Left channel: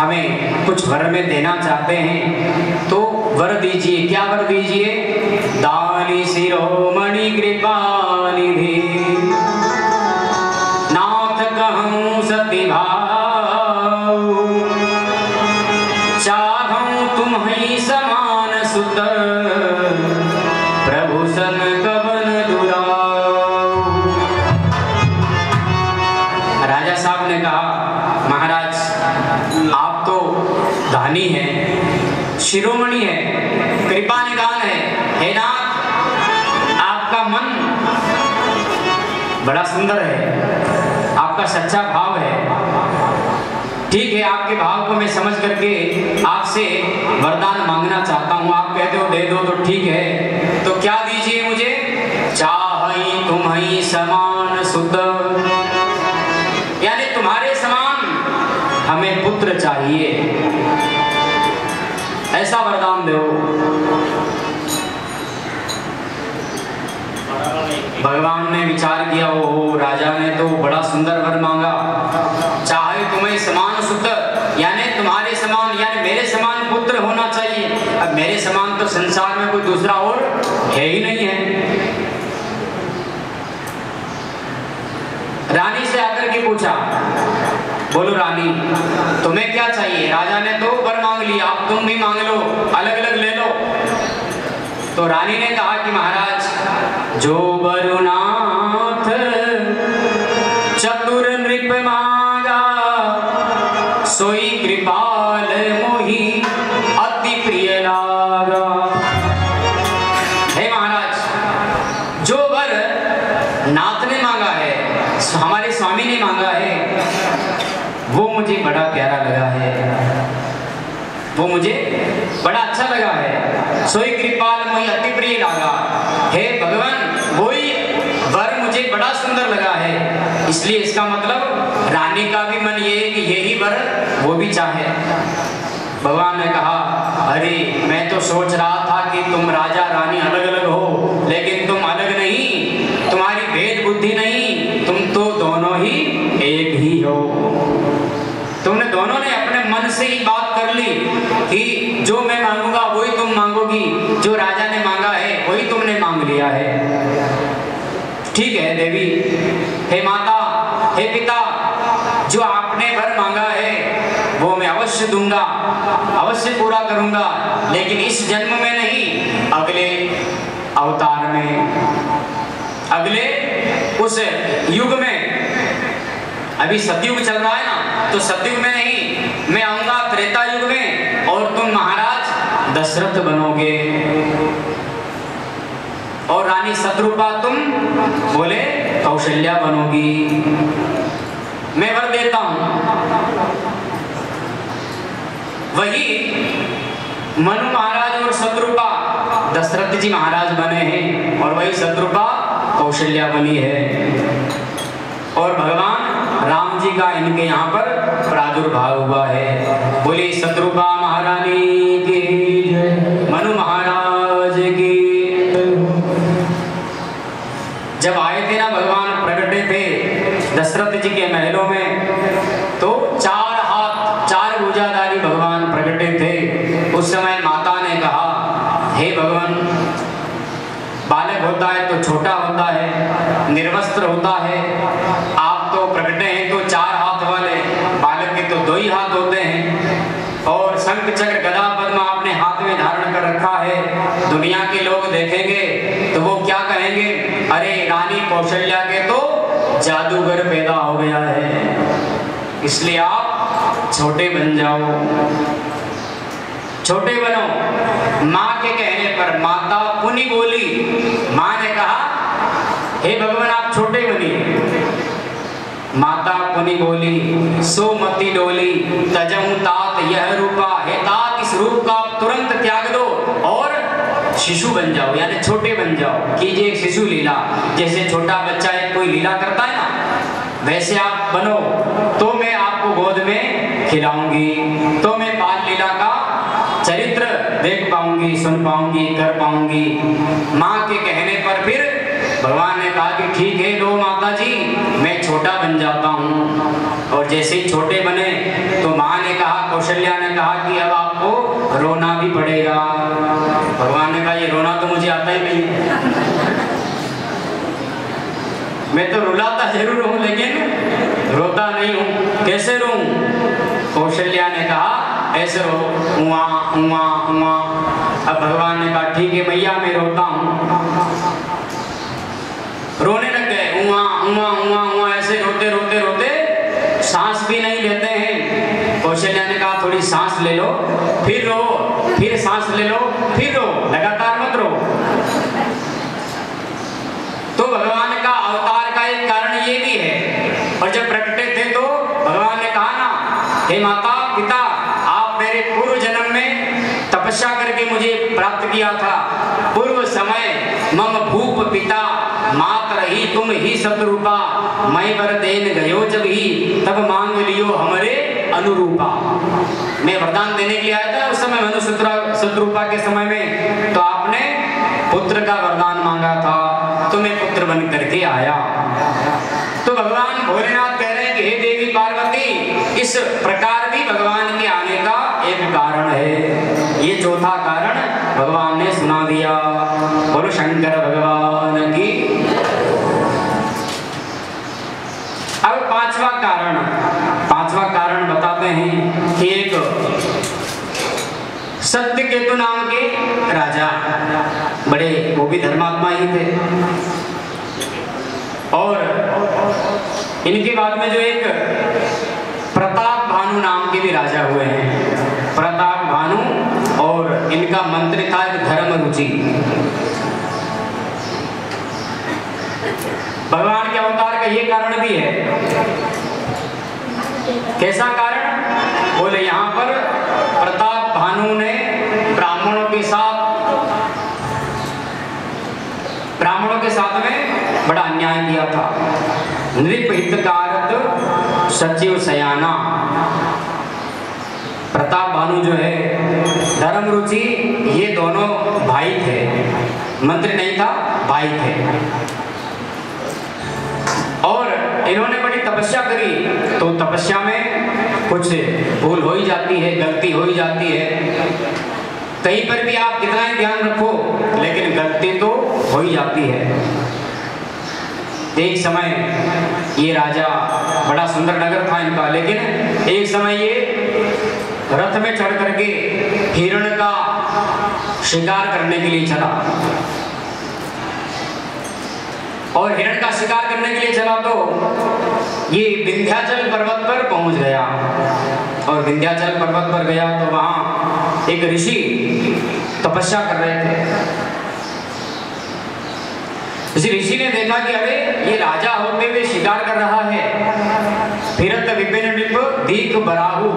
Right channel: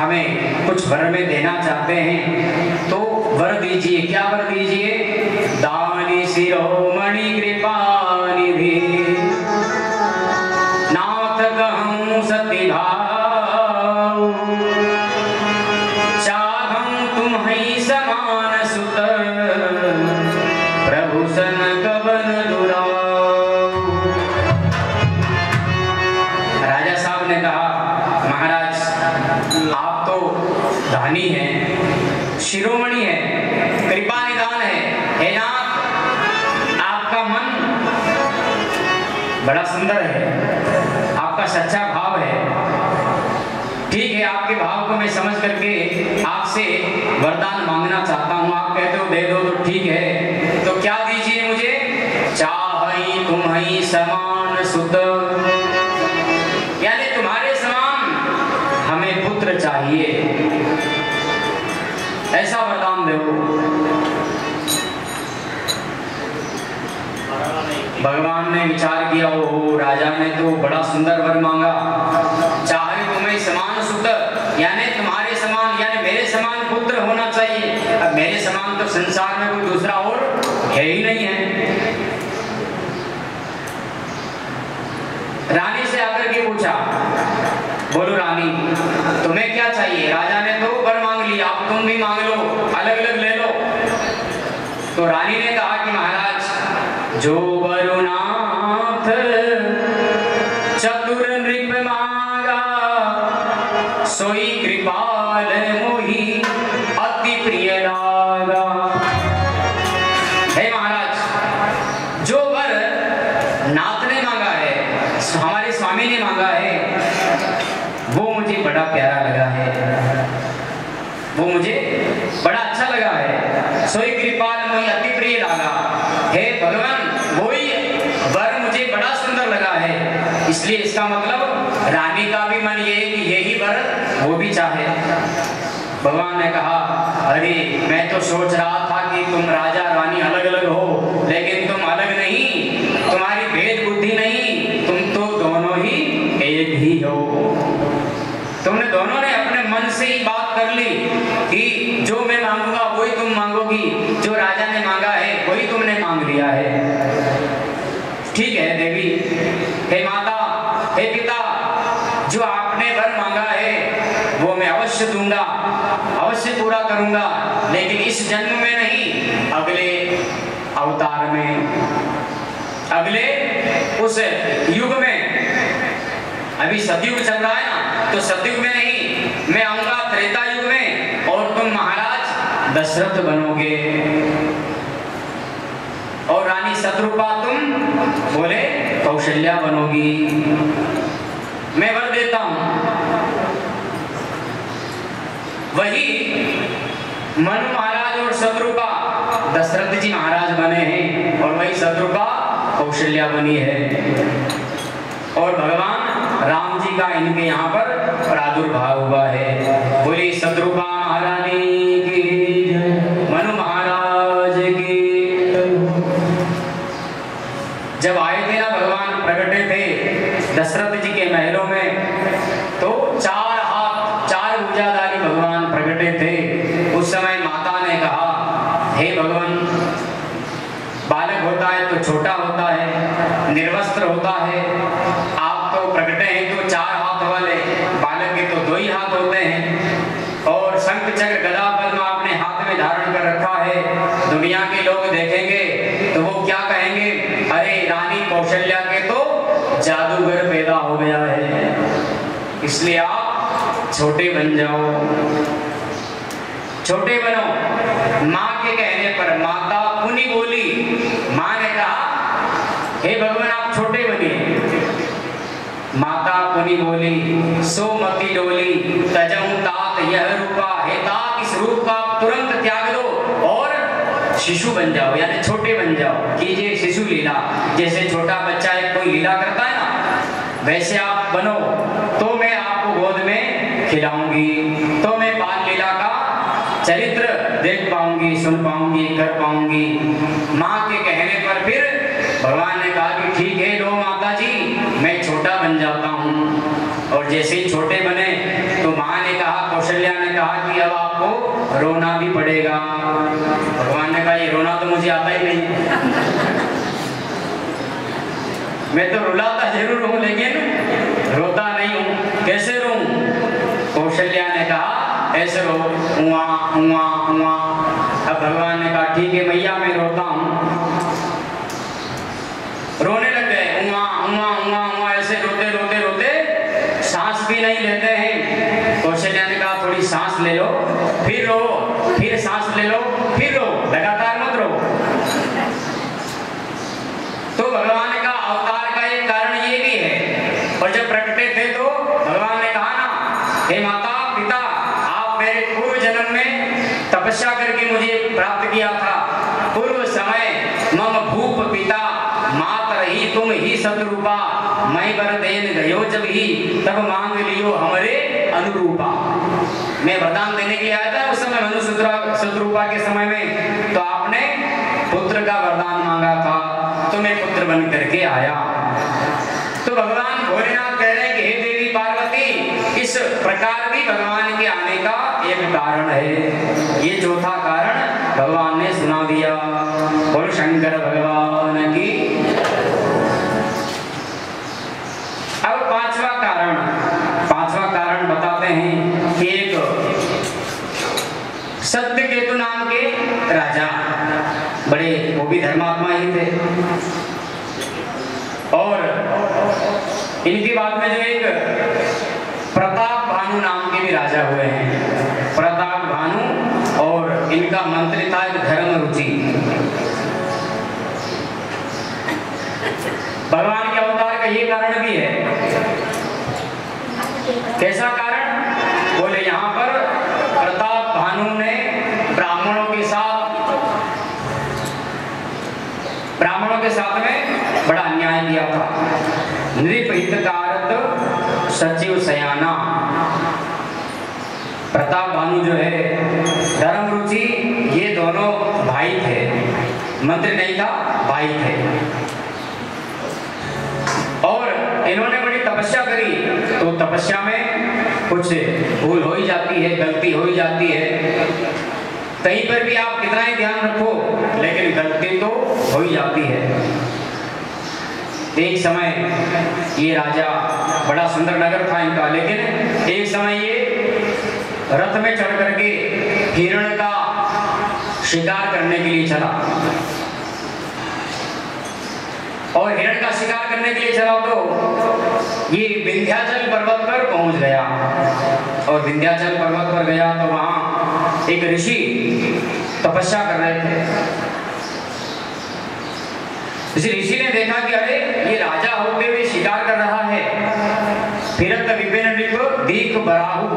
हमें कुछ वर में देना चाहते हैं तो वर दीजिए। क्या वर दीजिए? दानी शिरोमणि कृपा निधि नाथ कहूँ सती भाव चाहूँ तुम्हीं समान सुत प्रभु सन कवन दुराव। राजा साहब ने कहा महाराज आप तो दानी हैं, शिरोमणि है, कृपा निदान है, हे नाथ आपका मन बड़ा सुंदर है, आपका सच्चा भाव है। ठीक है, आपके भाव को मैं समझ करके आपसे वरदान मांगना चाहता हूँ। आप कहते हो दे दो तो ठीक है, तो क्या दीजिए मुझे? चाहई तुम्हीं समान सुत, यानी तुम्हारे समान हमें पुत्र चाहिए, ऐसा वरदान दो। भगवान ने विचार किया, ओ राजा ने तो बड़ा सुंदर वर मांगा, चाहे तुम्हें समान सुत, यानी तुम्हारे समान, यानी मेरे समान पुत्र होना चाहिए। अब मेरे समान तो संसार में कोई दूसरा और है ही नहीं है। रानी से आकर के पूछा, बोलो रानी तुम्हें क्या चाहिए? राजा ने तो वर मांग लिया, अब तुम भी मांग लो, अलग अलग ले लो। तो रानी ने कहा कि महाराज जो वरुनाथ चतुर नृप मांगा सोई कृपाल मोहि अति प्रिय लागा। हे महाराज जो वर नाथ ने मांगा है, हमारे स्वामी ने मांगा है, वो मुझे बड़ा प्यारा लगा है, वो मुझे बड़ा अच्छा लगा है। सोई कृपाल मोहि अति प्रिय लागा। हे भगवान वही वर मुझे बड़ा सुंदर लगा है, इसलिए इसका मतलब रानी का भी मन ये है कि यही वर वो भी चाहे। भगवान ने कहा अरे मैं तो सोच रहा था कि तुम राजा रानी अलग अलग हो, लेकिन तुम अलग नहीं, तुम्हारी भेद बुद्धि नहीं, तुम तो दोनों ही एक ही हो। तुमने दोनों ने अपने मन से ही बात कर ली कि जो मैं मांगूंगा वही तुम मांगोगी, जो राजा ने मांगा है वही तुमने मांग लिया है। ठीक है देवी, हे माता, हे पिता, जो आपने वर मांगा है वो मैं अवश्य दूंगा, अवश्य पूरा करूंगा, लेकिन इस जन्म में नहीं, अगले अवतार में, अगले उस युग में। अभी सतयुग चल रहा है ना, तो सतयुग में नहीं, मैं आऊंगा त्रेता युग में और तुम महाराज दशरथ बनोगे और रानी शत्रुपा तुम बोले कौशल्या बनोगी। मैं वर देता हूं। वही मनु महाराज और शत्रुपा दशरथ जी महाराज बने हैं और वही शत्रुपा कौशल्या बनी है और भगवान राम जी का इनके यहाँ पर प्रादुर्भाव हुआ है। बोली शत्रुपा महारानी की जय, मनु महाराज की। जब आए थे ना भगवान प्रकटे थे दशरथ जी के महलों में, तो 4 हाथ 4 भुजाधारी भगवान प्रकटे थे। उस समय माता ने कहा हे भगवान, बालक होता है तो छोटा होता है, निर्वस्त्र होता है, आप तो प्रकटे हैं तो 4 हाथ वाले, बालक के तो 2 ही हाथ होते हैं और शंख चक्र गदा पद्म आपने हाथ में धारण कर रखा है। दुनिया के लोग देखेंगे तो वो क्या कहेंगे, अरे रानी कौशल्या के तो जादूगर पैदा हो गया है। इसलिए आप छोटे बन जाओ, छोटे बनो। माँ के कहने पर माता पुनि बोली, माँ ने कहा हे भगवान आप छोटे बनिए। माता पुनि बोली सोमति डोली तजहु तात यह रूपा, हे तात इस रूप का तुरंत त्याग दो और शिशु बन जाओ, यानी छोटे बन जाओ। कीजिए शिशु लीला, जैसे छोटा बच्चा एक कोई लीला करता है ना, वैसे आप बनो तो मैं आपको गोद में खिलाऊंगी, तो मैं बाल लीला का चरित्र देख पाऊंगी, सुन पाऊंगी, कर पाऊंगी। माँ के कहने पर फिर भगवान ने कहा कि ठीक है लो माता जी, मैं छोटा बन जाता हूँ। और जैसे ही छोटे बने तो माँ ने कहा कौशल्या ने कहा कि अब आपको रोना भी पड़ेगा। भगवान ने कहा ये रोना तो मुझे आता ही नहीं है, मैं तो रुलाता जरूर हूँ लेकिन रोता नहीं हूँ, कैसे रो? कौशल्या ने कहा ऐसे रो, उआ उआ उआ। अब भगवान ने कहा ठीक है मैया मैं रोता हूँ। रोने लग गए, उआ उआ उआ उआ, ऐसे रोते रोते रोते सांस भी नहीं लेते हैं। कौशल्या ने कहा थोड़ी सांस ले लो, फिर रो, फिर सांस ले लो, फिर रो, लगातार मत रो। तो भगवान का अवतार का एक कारण ये भी है। और जब प्रकटे थे तो भगवान ने कहा ना, हे माता पिता, आप मेरे पूर्व जन्म में तपस्या करके मुझे प्राप्त किया था। पूर्व समय मम भूप पिता मात्र ही तुम ही सतरूपा, मैं वर देन गयो जब ही तब मांग लियो हमरे अनुरूपा। मैं वरदान देने के लिए आया था उस समय मनु शत्रुपा के समय में, तो आपने पुत्र का वरदान मांगा था, तो मैं पुत्र बन करके आया। तो भगवान भोलेनाथ कह रहे हैं कि हे देवी पार्वती, इस प्रकार भी भगवान के आने का एक कारण है। ये चौथा कारण भगवान ने सुना दिया। बोलो शंकर भगवान की। अब पांचवा कारण बताते हैं कि एक सत्यकेतु नाम के राजा, बड़े वो भी धर्मात्मा ही थे, और इनके बाद में जो एक प्रताप भानु नाम के भी राजा हुए हैं। प्रताप भानु, और इनका मंत्री था एक धर्म रुचि। भगवान के अवतार का ये कारण भी है। कैसा कारण? बोले यहाँ पर प्रताप भानु ने ब्राह्मणों के साथ में बड़ा अन्याय किया था। नृप हितकारक सचिव सयाना। प्रताप भानु जो है, धर्म रुचि, ये दोनों भाई थे, मंत्री नहीं था, भाई थे। और इन्होंने बड़ी तपस्या करी, तो तपस्या में कुछ भूल हो ही जाती है, गलती हो ही जाती है। कहीं पर भी आप कितना ही ध्यान रखो, लेकिन गलती तो हो ही जाती है। एक समय ये राजा, बड़ा सुंदर नगर था इनका, लेकिन एक समय ये रथ में चढ़ करके हिरण का शिकार करने के लिए चला, और हिरण का शिकार करने के लिए चला तो ये विंध्याचल पर्वत पर पहुंच गया। और विंध्याचल पर्वत पर गया तो वहां एक ऋषि तपस्या कर रहे थे। इस ऋषि ने देखा कि अरे ये राजा होते हुए शिकार कर रहा है। फिरत विपिन नृप दीक बराहु।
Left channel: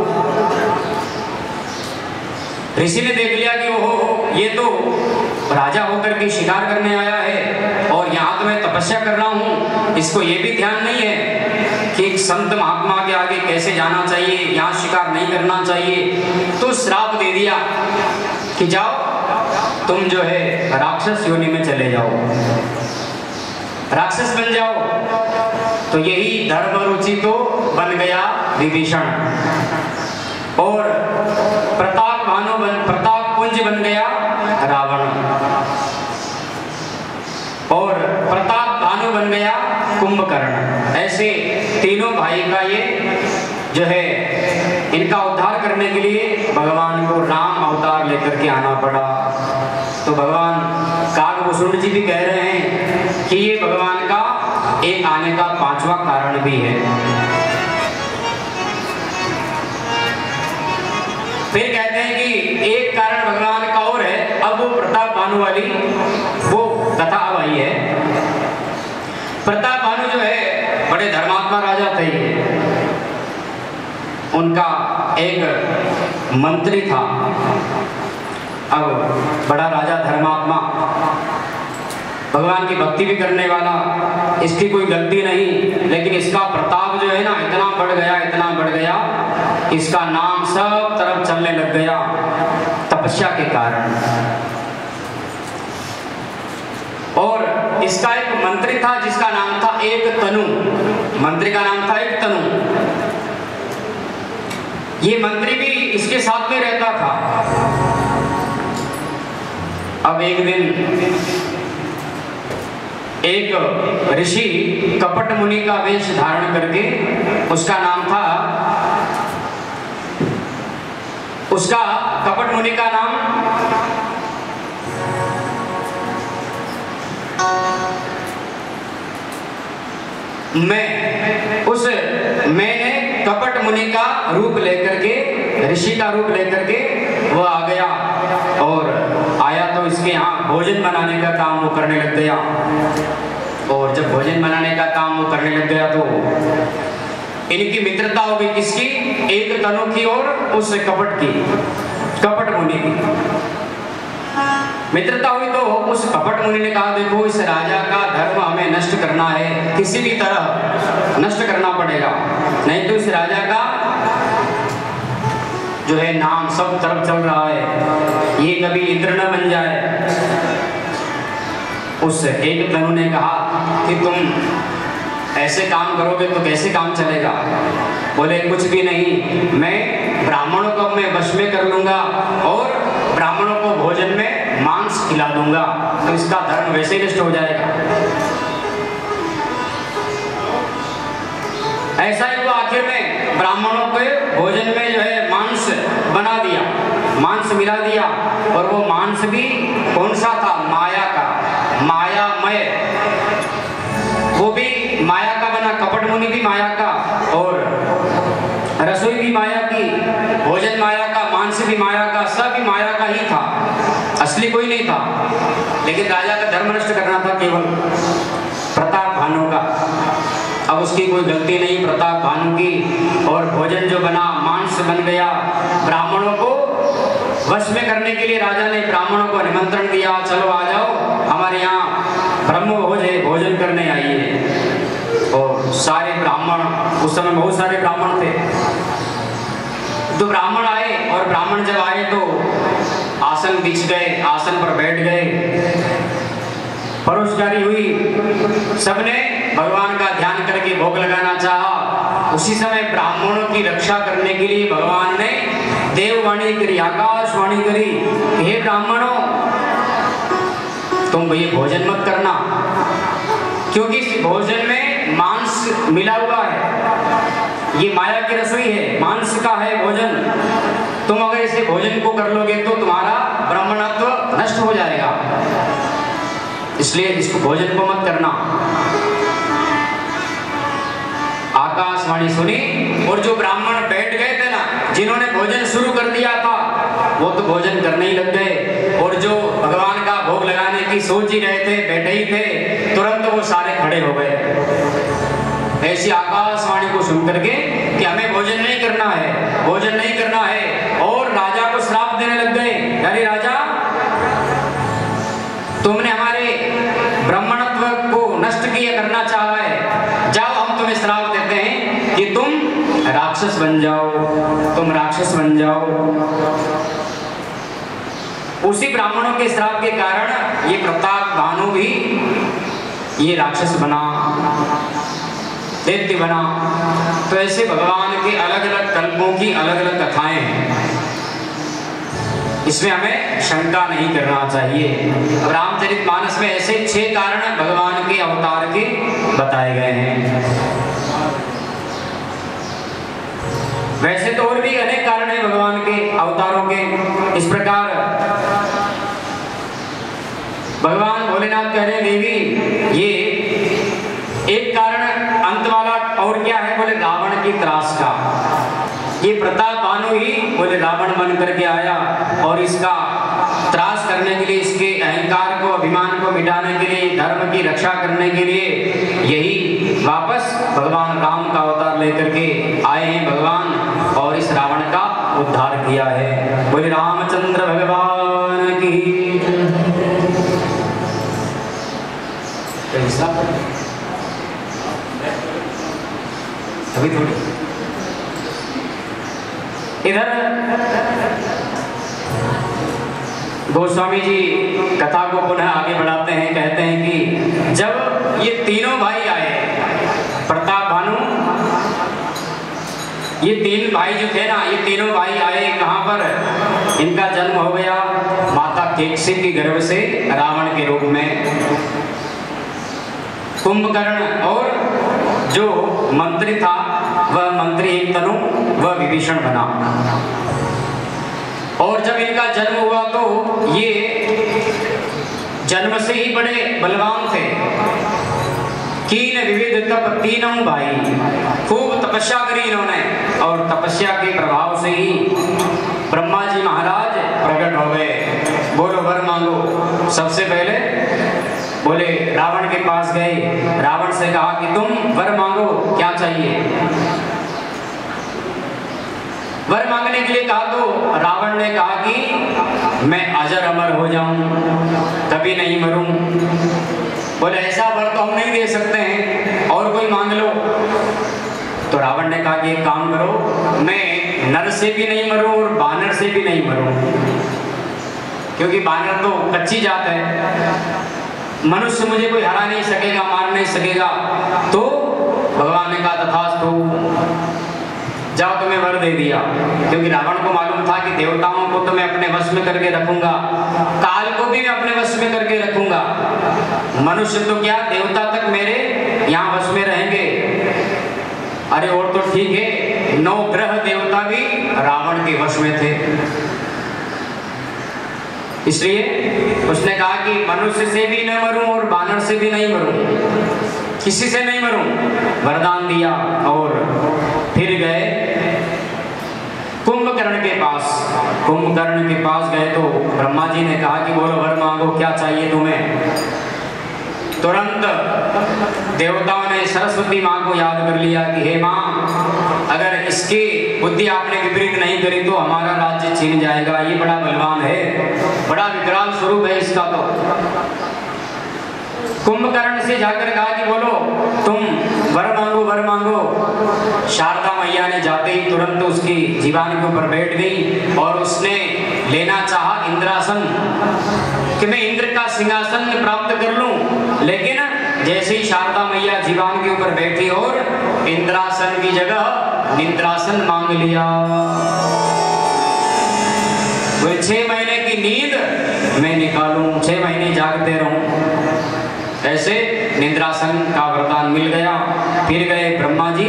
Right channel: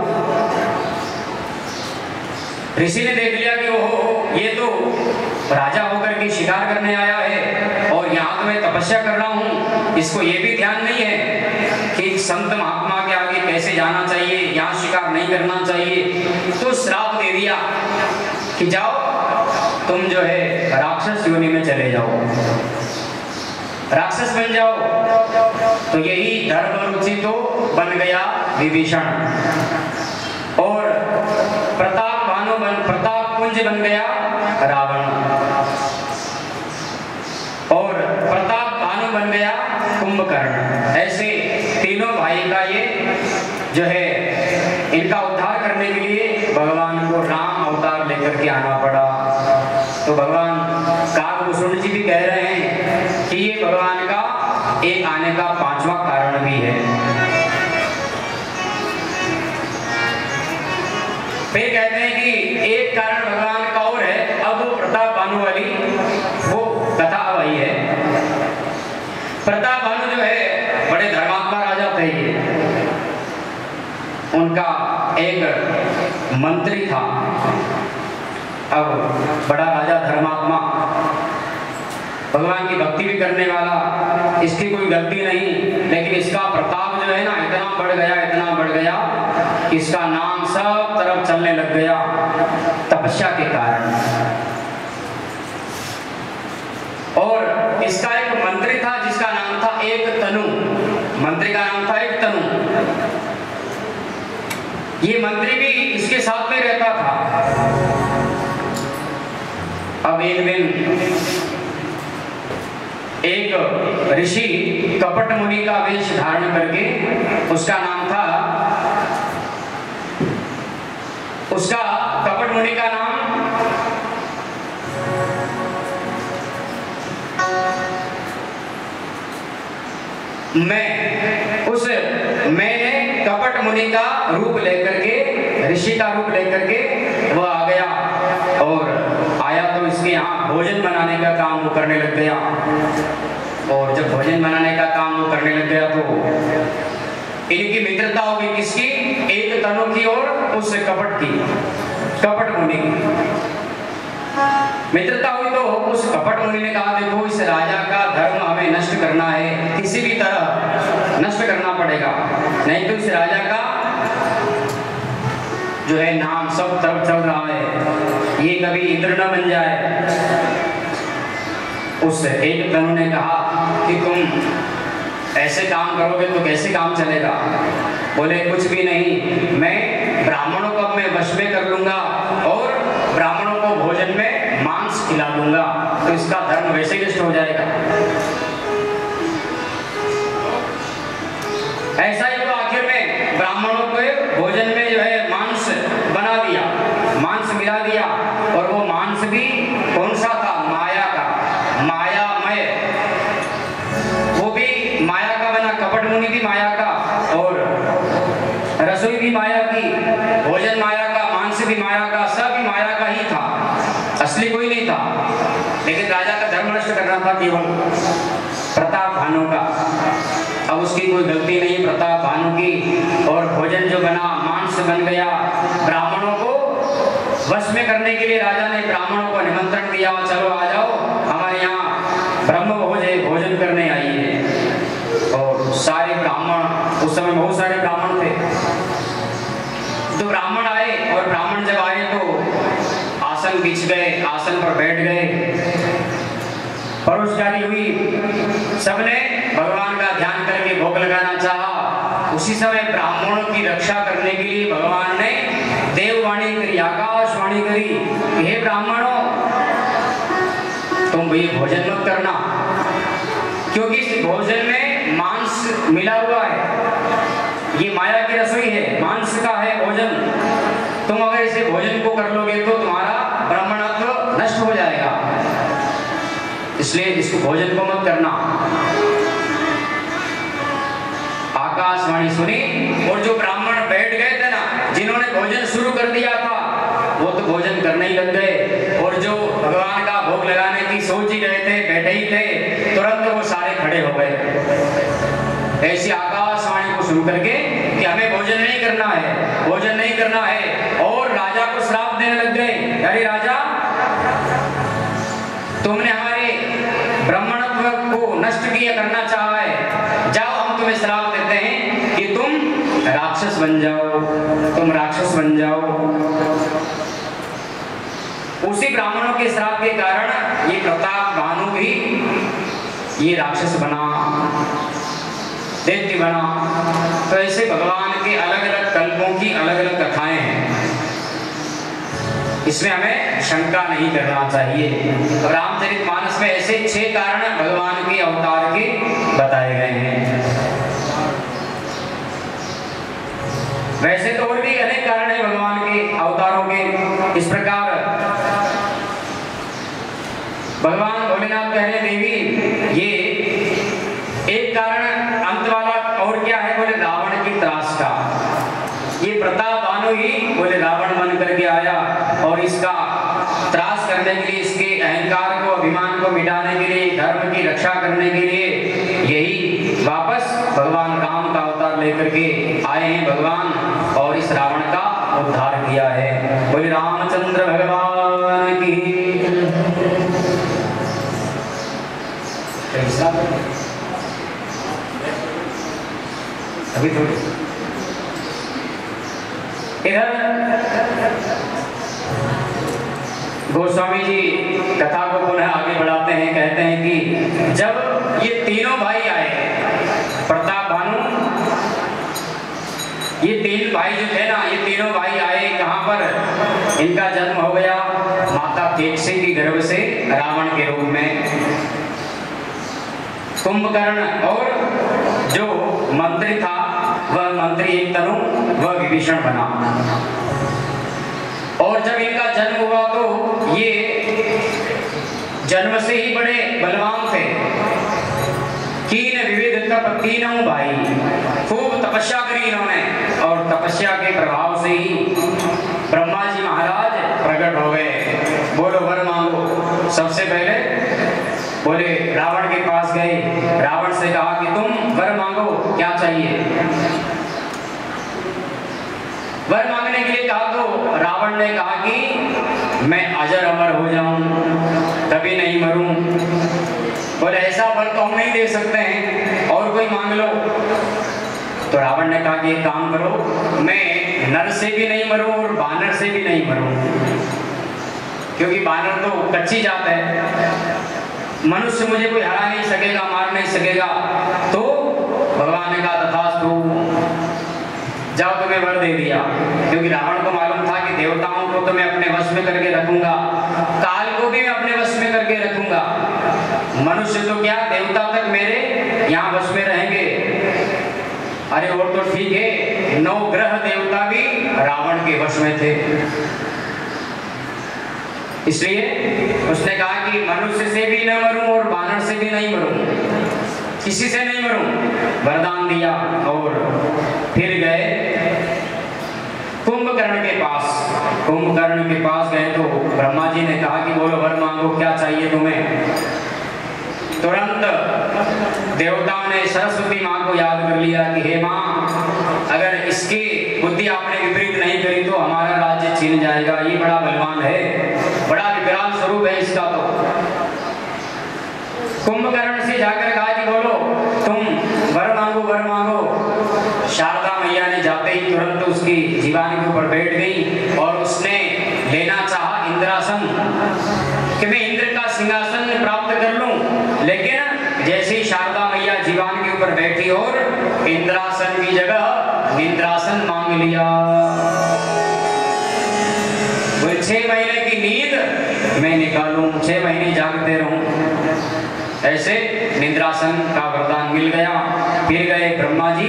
ऋषि ने देख लिया कि ओहो, ये तो राजा होकर के शिकार करने आया है, और यहाँ तो मैं तपस्या कर रहा हूँ। इसको ये भी ध्यान नहीं है कि संत महात्मा के आगे कैसे जाना चाहिए, यहाँ शिकार नहीं करना चाहिए। तो श्राप दे दिया कि जाओ तुम जो है राक्षस योनि में चले जाओ, राक्षस बन जाओ। तो यही धर्म रुचि तो बन गया विभीषण, और प्रताप पुंज बन गया रावण, और प्रताप भानु बन गया कुंभकर्ण। ऐसे तीनों भाई का ये जो है, इनका उद्धार करने के लिए भगवान को राम अवतार लेकर के आना पड़ा। तो भगवान कालभूषण जी भी कह रहे हैं कि ये भगवान का एक आने का पांचवा कारण भी है। फिर कहते हैं कि एक कारण भगवान का और है। अब वो प्रताप भानु वाली वो कथा वही है। प्रताप भानु जो है बड़े धर्मात्मा राजा थे। उनका एक मंत्री था। अब बड़ा राजा धर्मात्मा, भगवान की भक्ति भी करने वाला, इसकी कोई गलती नहीं, लेकिन इसका प्रताप जो है ना इतना बढ़ गया, इसका नाम सब तरफ चलने लग गया तपस्या के कारण। और इसका एक मंत्री था जिसका नाम था एक तनु। मंत्री का नाम था एक तनु। ये मंत्री भी इसके साथ में रहता था। अब एक दिन एक ऋषि कपट मुनि का वेश धारण करके, उसका नाम था, उसका कपट मुनि का नाम मैंने कपट मुनि का रूप लेकर के, ऋषि का रूप लेकर के वो आ गया, और आया तो इसके यहाँ भोजन बनाने का काम वो करने लग गया। और जब भोजन बनाने का काम वो करने लग गया तो इनकी मित्रता हो गई, किसकी? एक तनु की और उस कपट की, कपट मुनि की मित्रता हुई। तो उस कपट मुनि ने कहा, देखो इस राजा का धर्म हमें नष्ट करना है, किसी भी तरह नष्ट करना पड़ेगा, नहीं तो इस राजा का जो है नाम सब तरफ चल रहा है, ये कभी इंद्र न बन जाए। उस एक तनु ने कहा कि तुम ऐसे काम करोगे तो कैसे काम चलेगा? बोले कुछ भी नहीं, मैं ब्राह्मणों को अपने वश में कर लूंगा और ब्राह्मणों को भोजन में मांस खिला दूंगा, तो इसका धर्म वैसे ही नष्ट हो जाएगा। ऐसा ही हुआ, आखिर में ब्राह्मणों को भोजन में जो है मांस बना दिया, मांस मिला दिया, और वो मांस भी कौन सा था? माया का, मायामय, वो भी माया का बना, कपट मुनि भी माया का, और रसोई भी माया की, भोजन माया का, मांस भी माया का, सब भी माया का ही था, असली कोई नहीं था। लेकिन राजा का धर्म नष्ट करना था केवल प्रताप भानु का। अब उसकी कोई गलती नहीं प्रताप भानु की, और भोजन जो बना, मांस बन गया। ब्राह्मणों को वश में करने के लिए राजा ने ब्राह्मणों को निमंत्रण दिया, चलो आ जाओ हमारे यहाँ ब्रह्म भोज है, भोजन करने आइए। और सारे ब्राह्मण, उस समय बहुत सारे ब्राह्मण थे, तो ब्राह्मण आए, और ब्राह्मण जब आए तो आसन बिछ गए, आसन पर बैठ गए, परोसगारी हुई, सबने भगवान का ध्यान करके भोग लगाना चाहा। उसी समय ब्राह्मणों की रक्षा करने के लिए भगवान ने देववाणी करी, आकाशवाणी करी, हे ब्राह्मणों तुम ये भोजन मत करना, क्योंकि इस भोजन में मांस मिला हुआ है, ये माया की रसोई है, मांस का है भोजन। तुम अगर इसे भोजन को कर लोगे तो तुम्हारा ब्राह्मणत्व नष्ट हो जाएगा, इसलिए इसको भोजन को मत करना। आकाशवाणी सुनी, और जो ब्राह्मण बैठ गए थे ना, जिन्होंने भोजन शुरू कर दिया था, वो तो भोजन करने ही लग गए, और जो भगवान का भोग लगाने की सोच ही रहे थे, बैठे ही थे, तुरंत वो सारे खड़े हो गए। ऐसी आकाशवाणी को सुन करके कि हमें भोजन नहीं करना है, भोजन नहीं करना है, और राजा को श्राप देने लग गए, अरे राजा तुमने हमारे ब्राह्मणत्व को नष्ट किया करना चाहा है, जाओ हम तुम्हें श्राप देते हैं कि तुम राक्षस बन जाओ, तुम राक्षस बन जाओ। उसी ब्राह्मणों के श्राप के कारण ये प्रताप भानु भी ये राक्षस बना, दैत्य बना। तो ऐसे भगवान के अलग अलग कल्पों की अलग अलग कथाएं हैं, इसमें हमें शंका नहीं करना चाहिए। रामचरितमानस में ऐसे 6 कारण भगवान के अवतार के बताए गए हैं। वैसे तो और भी अनेक कारण हैं भगवान के अवतारों के। इस प्रकार भगवान भोलेनाथ कह रहे हैं, देवी ये एक कारण अंत वाला और क्या है? बोले रावण की त्रास का। ये प्रताप भानु ही बोले रावण बन करके आया, और इसका त्रास करने के लिए, इसके अहंकार को, अभिमान को मिटाने के लिए, धर्म की रक्षा करने के लिए यही वापस भगवान राम का अवतार लेकर के आए हैं भगवान, और इस रावण का उद्धार किया है। बोले रामचंद्र भगवान की। अभी थोड़ी इधर गोस्वामी जी कथा को पुनः आगे बढ़ाते हैं, कहते हैं कि जब ये तीनों भाई आए, प्रताप भानु, ये तीन भाई जो थे ना, ये तीनों भाई आए कहाँ पर? इनका जन्म हो गया माता केकसी की गर्भ से रावण के रूप में। कुंभकर्ण और जो मंत्री था वह मंत्री एक तनु वह विभीषण बना। और जब इनका जन्म हुआ तो ये जन्म से ही बड़े बलवान थे। कीन विविध तप तीनों भाई, खूब तपस्या करी इन्होंने और तपस्या के प्रभाव से ही ब्रह्मा जी महाराज प्रकट हो गए। बोलो वर मांगो। सबसे पहले बोले रावण के पास गए, रावण से कहा कि तुम वर मांगो, क्या चाहिए? वर मांगने के लिए कहा तो रावण ने कहा कि मैं अजर अमर हो जाऊं, कभी नहीं मरूं। बोले ऐसा वर तो हम नहीं दे सकते हैं, और कोई मांग लो। तो रावण ने कहा कि एक काम करो, मैं नर से भी नहीं मरूं और बानर से भी नहीं मरूं, क्योंकि बानर तो कच्ची जात है, मनुष्य मुझे कोई हरा नहीं सकेगा, मार नहीं सकेगा। तो भगवान ने कहा तथास्तु, जाओ, तुम्हें वर दे दिया। क्योंकि रावण को मालूम था कि देवताओं को तो मैं अपने वश में करके रखूंगा, काल को भी मैं अपने वश में करके रखूंगा, मनुष्य तो क्या देवता तक मेरे यहाँ वश में रहेंगे। अरे और तो ठीक है, 9 ग्रह देवता भी रावण के वश में थे। इसलिए उसने कहा कि मनुष्य से भी न मरूं और बानर से भी नहीं मरूं, किसी से नहीं मरूं, वरदान दिया। और फिर गए कुंभकर्ण के पास। कुंभकर्ण के पास गए तो ब्रह्मा जी ने कहा कि बोलो वर मांगो, क्या चाहिए तुम्हें? तुरंत देवताओं ने सरस्वती माँ को याद कर लिया कि हे माँ, अगर इसकी बुद्धि आपने विपरीत नहीं करी तो हमारा राज्य छीन जाएगा, ये बड़ा बलवान है, बड़ा विकराल स्वरूप है इसका। तो कुंभकर्ण से जाकर कहा कि बोलो तुम वर मांगो, वर मांगो। शारदा मैया ने जाते ही तुरंत उसकी जीवानी के ऊपर बैठ गई और उसने लेना चाहा इंद्रासन, कि मैं इंद्र का सिंहासन प्राप्त कर लूं। लेकिन जैसे ही शारदा मैया जीवान के ऊपर बैठी और इंद्रासन की जगह निद्रासन मांग लिया। 6 महीने की नींद मैं निकालूं, 6 महीने जागते रहूं, ऐसे निद्रासन का वरदान मिल गया। फिर गए ब्रह्मा जी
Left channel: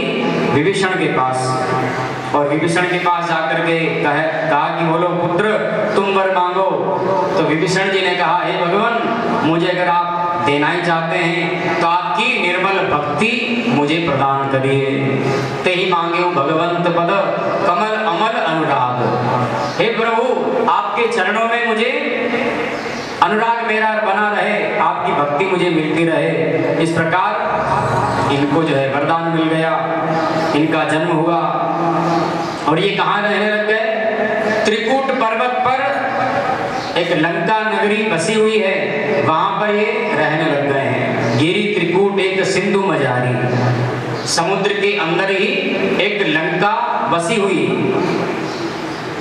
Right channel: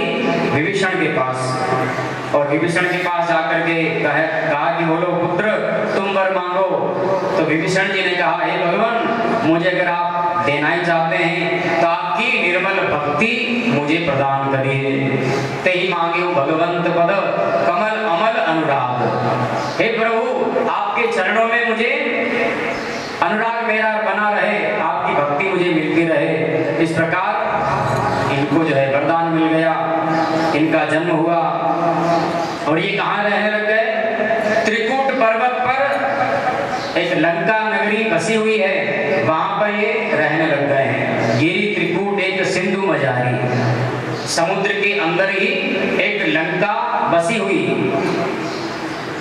विभीषण के पास और विभीषण के पास जाकर के कहा कि बोलो पुत्र तुम वर मांगो। तो विभीषण जी ने कहा हे भगवान, मुझे अगर आप देना ही चाहते हैं तो आपकी निर्मल भक्ति मुझे प्रदान करिए। ते ही मांगे भगवंत पद कमल अमल अनुराग। हे प्रभु, आपके चरणों में मुझे अनुराग मेरा बना रहे, आपकी भक्ति मुझे मिलती रहे। इस प्रकार इनको जो है वरदान मिल गया, इनका जन्म हुआ और ये कहाँ रहने लग गए? त्रिकूट पर्वत पर एक लंका नगरी बसी हुई है, वहां पर ये रहने लग गए हैं। गिरी त्रिकूट एक सिंधु मजारी, समुद्र के अंदर ही एक लंका बसी हुई,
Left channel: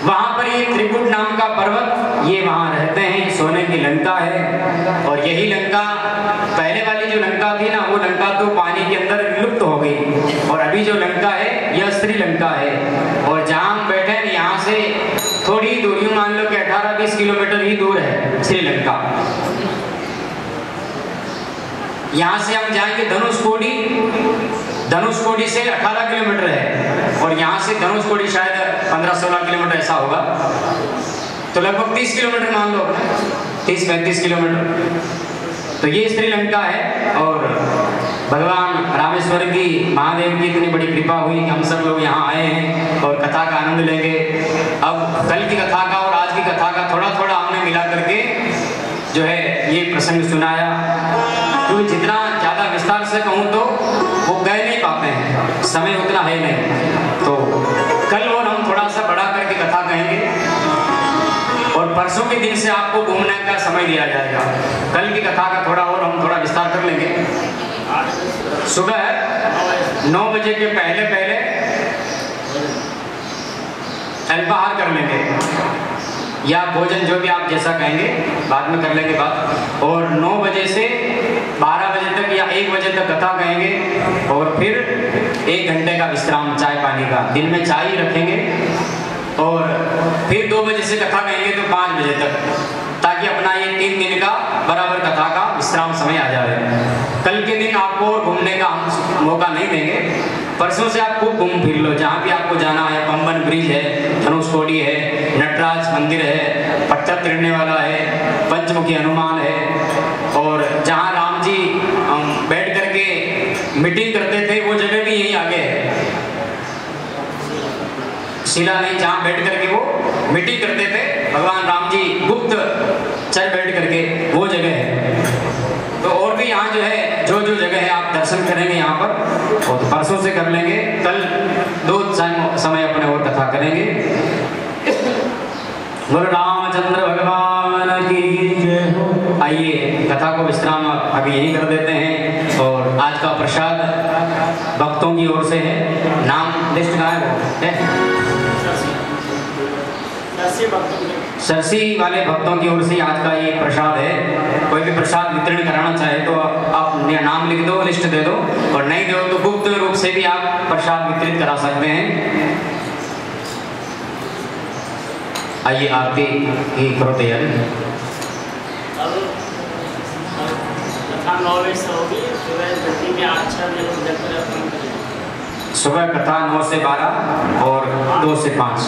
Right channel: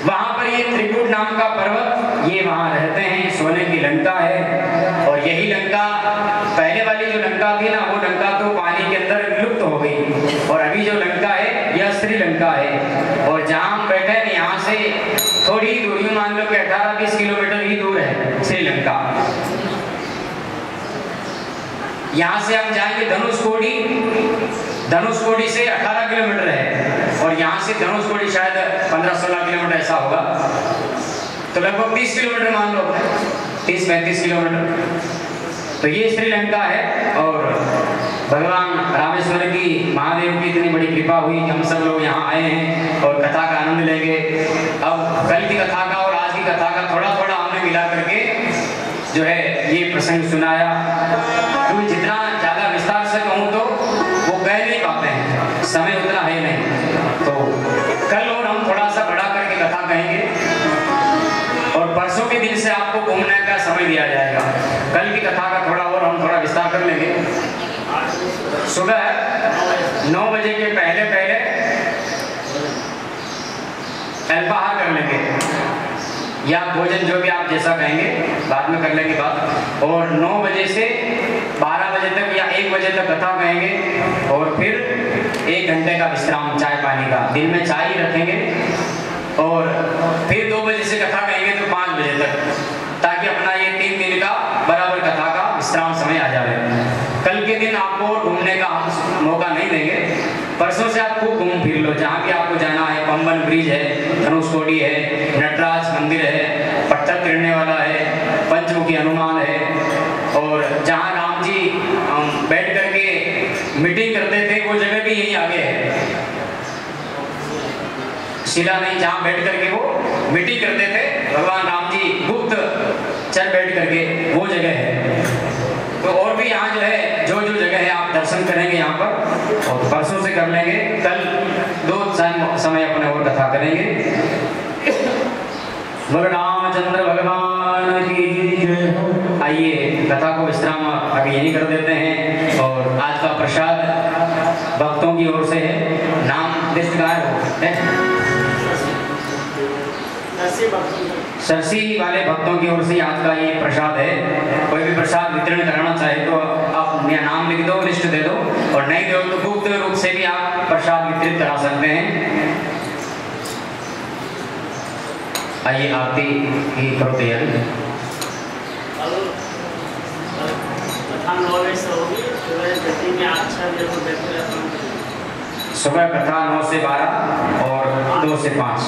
वहां पर ये त्रिकूट नाम का पर्वत, ये वहां रहते हैं। सोने की लंका है और यही लंका, पहले वाली जो लंका थी ना, वो लंका तो पानी के अंदर विलुप्त हो गई और अभी जो लंका है यह श्रीलंका है। और जहां हम बैठे हैं यहाँ से थोड़ी दूरी, मान लो कि 18-20 किलोमीटर ही दूर है श्रीलंका। यहाँ से हम जाएंगे धनुषकोडी, धनुषकोडी से 18 किलोमीटर है और यहाँ से धनुषकोडी शायद 15-16 किलोमीटर ऐसा होगा, तो लगभग 30 किलोमीटर मान लो, 30-35 किलोमीटर। तो ये श्रीलंका है और भगवान रामेश्वर की, महादेव की इतनी बड़ी कृपा हुई कि हम सब लोग यहाँ आए हैं और कथा का आनंद लेंगे। अब कल की कथा का और आज की कथा का थोड़ा थोड़ा हमने मिला करके जो है ये प्रसंग सुनाया, क्योंकि जितना ज़्यादा विस्तार से कहूँ तो वो कह नहीं पाते हैं, समय उतना है नहीं। तो कल और हम थोड़ा सा बढ़ा करके कथा कहेंगे और परसों के दिन से आपको घूमने का समय दिया जाएगा। कल की कथा का थोड़ा और हम थोड़ा विस्तार कर लेंगे। सुबह 9 बजे के पहले पहले अल्पाहार कर लेंगे या भोजन, जो भी आप जैसा कहेंगे, बाद में कर लेंगे बात। और 9 बजे से 12 बजे तक या 1 बजे तक कथा कहेंगे और फिर 1 घंटे का विश्राम चाय पानी का, दिन में चाय ही रखेंगे और फिर 2 बजे से कथा कहेंगे तो 5 बजे तक, ताकि अपना ये 3 दिन का बराबर कथा का विश्राम समय आ जाए। कल के दिन आपको घूमने का हम मौका नहीं देंगे, परसों से आप खूब घूम फिर लो, जहाँ भी आपको जाना है। पंबन ब्रिज है, धनुषकोडी है, नटराज मंदिर है, पत्थर तिरने वाला है, पंचमुखी हनुमान है, और जहाँ राम जी बैठ करके मीटिंग करते थे वो जगह भी यहीं आगे है। शिला नहीं, जहाँ बैठ करके वो मीटिंग करते थे भगवान राम जी गुप्त चल बैठ करके, वो जगह है। तो और भी यहाँ जो है जो जगह है आप दर्शन करेंगे यहाँ पर, और परसों से कर लेंगे। कल 2 समय अपने और कथा करेंगे। बोलो रामचंद्र भगवान की जय हो। आइए कथा को विश्राम अभी यहीं कर देते हैं, और आज का प्रसाद भक्तों की ओर से है। नाम लिस्ट कहाँ है? सरसी वाले भक्तों की ओर से आज का ये प्रसाद है। कोई भी प्रसाद वितरण कराना चाहे तो आप नाम लिख दो, लिस्ट दे दो, और नहीं दो तो गुप्त रूप से भी आप प्रसाद वितरित करा सकते हैं। आइए आरती की करो तैयारी। सुबह कथा 9 से 12 और 2 से 5।